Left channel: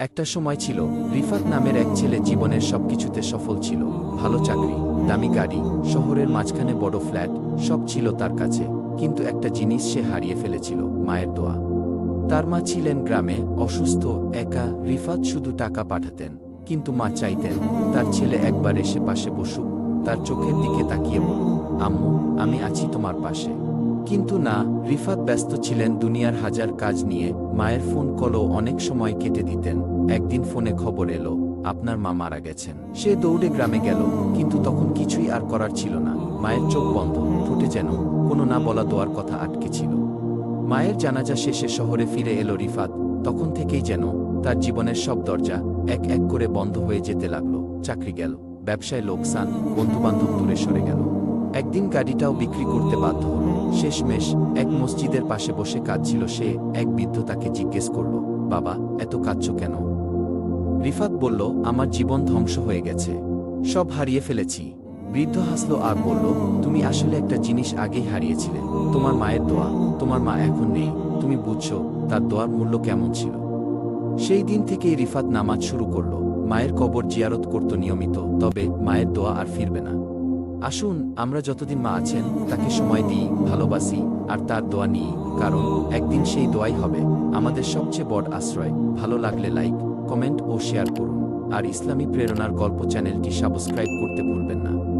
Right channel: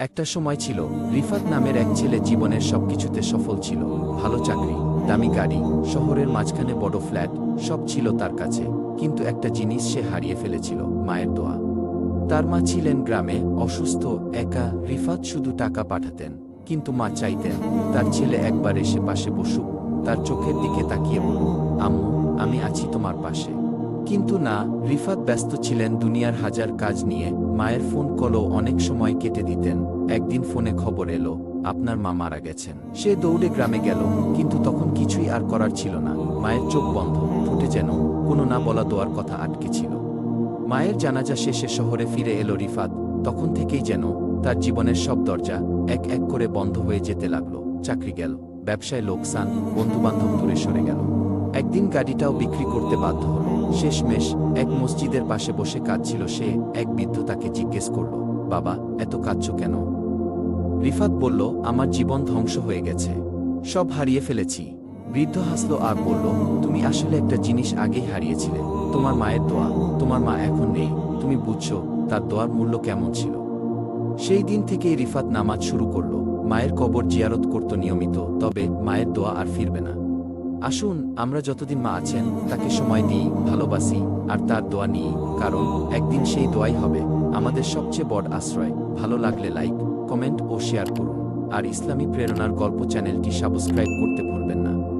একটা সময় ছিল, রিফাত নামের এক ছেলে জীবনের সবকিছুতে সফল ছিল। ভালো চাকরি, দামি গাড়ি, শহরের মাঝখানে বড় ফ্ল্যাট, সব ছিল তার কাছে। কিন্তু একটা জিনিস সে হারিয়ে ফেলেছিল, মায়ের দোয়া। তার মা ছিলেন গ্রামে, অসুস্থ, একা, রিফাত শুধু টাকা পাঠাতেন। কিন্তু মা চাইতেন, তার ছেলে একবার এসে পাশে বসুক, তার চোখের দিকে তাকিয়ে বলুক, আম্মু, আমি আছি তোমার পাশে। কিন্তু না, রিফাত ব্যস্ত ছিলেন দুনিয়ার হাজার কাজ নিয়ে, মায়ের ফোন কলও অনেক সময় কেটে দিতেন। একদিন ফোনে খবর এলো, আপনার মা মারা গেছেন। সে দৌড়ে গ্রামে গেল, কিন্তু তখন কিছুই আর করার ছিল না। মায়ের চোখ বন্ধ, ঠোঁটে যেন কোনো না বলা দোয়ার কথা আটকে ছিল। মায়ের জানাজা শেষে শহরে ফিরে এলো রিফাত, তখন থেকেই যেন তার জীবনের সব দরজা এক এক করে বন্ধ হয়ে যেতে লাগল। চাকরি গেল, ব্যবসায় লোকসান, বন্ধুবান্ধব দূরে সরে গেল। একদিন গাড়িটাও বিক্রি করতে বাধ্য হল। শেষমেশ এক মসজিদের পাশে বসে কাঁদছিল সে। এক বৃদ্ধ তাকে জিজ্ঞেস করল, বাবা, এত কাঁদছ কেন? রিফাত বলল, আমার জীবন ধ্বংস হয়ে গেছে। সব হারিয়ে ফেলেছি। বৃদ্ধ হাসল আর বলল, তুমি আসলে একটা জিনিস আগেই হারিয়েছিলে। তোমার মায়ের দোয়া, তোমার মা এখন নেই। তুমি বুঝছ, তার দোয়ার মূল্য কেমন ছিল? সেই দিন থেকেই রিফাত নামাজ শুরু করল। মায়ের কবর জিয়ারত করত নিয়মিত, তবে মায়ের দোয়া আর ফিরবে না। আসুন, আমরা যতদিন মা আছেন, তাকে সময় দিই, ভালোবাসি, আর তার দোয়া নিই, কারণ একদিন সেই দোয়াই হবে। আমাদের সবচেয়ে বড় আশ্রয়। ভালো লাগলে লাইক কমেন্ট ও শেয়ার করুন। আর ইসলামী প্রেরণার গল্প চ্যানেলটি সাবস্ক্রাইব করতে ভুলবেন না।